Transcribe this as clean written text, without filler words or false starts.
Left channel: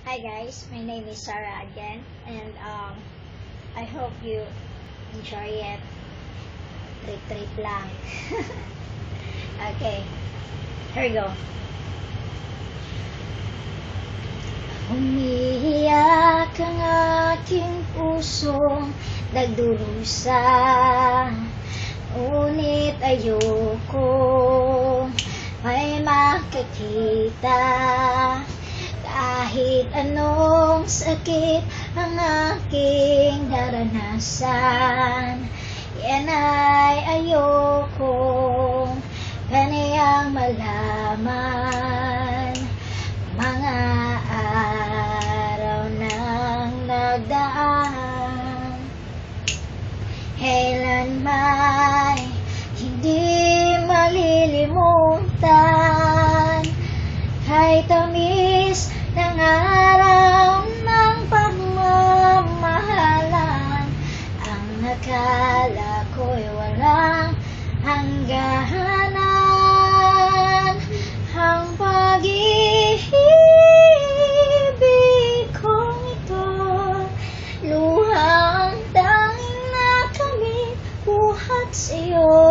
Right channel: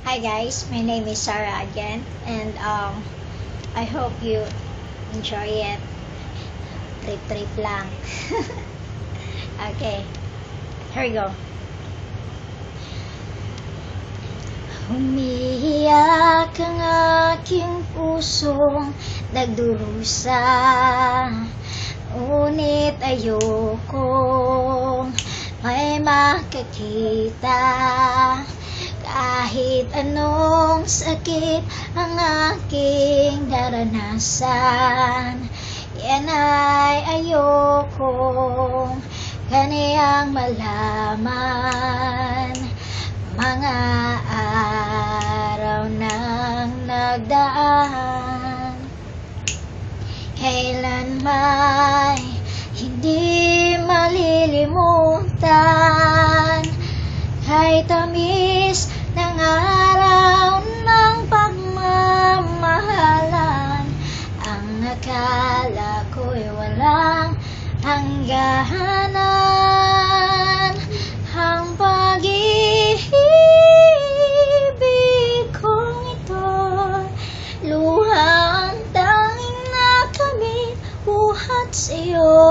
Hi guys, my name is Sarah again, and I hope you enjoy it. Trip lang. Okay, here we go. Umiiyak ang aking pusong nagdurusa, ngunit ayokong may makakita. Kahit anong sakit ang aking naranasan, yan ay ayokong kaniyang malaman. Mga araw nang nagdaan, kailanman hindi malilimutan. Kay tamis ng araw ng pagmamahalan, ang akala ko'y walang hangganan. Ang pag-ibig kong ito, luhang tanging nakamit buhat sa'yo.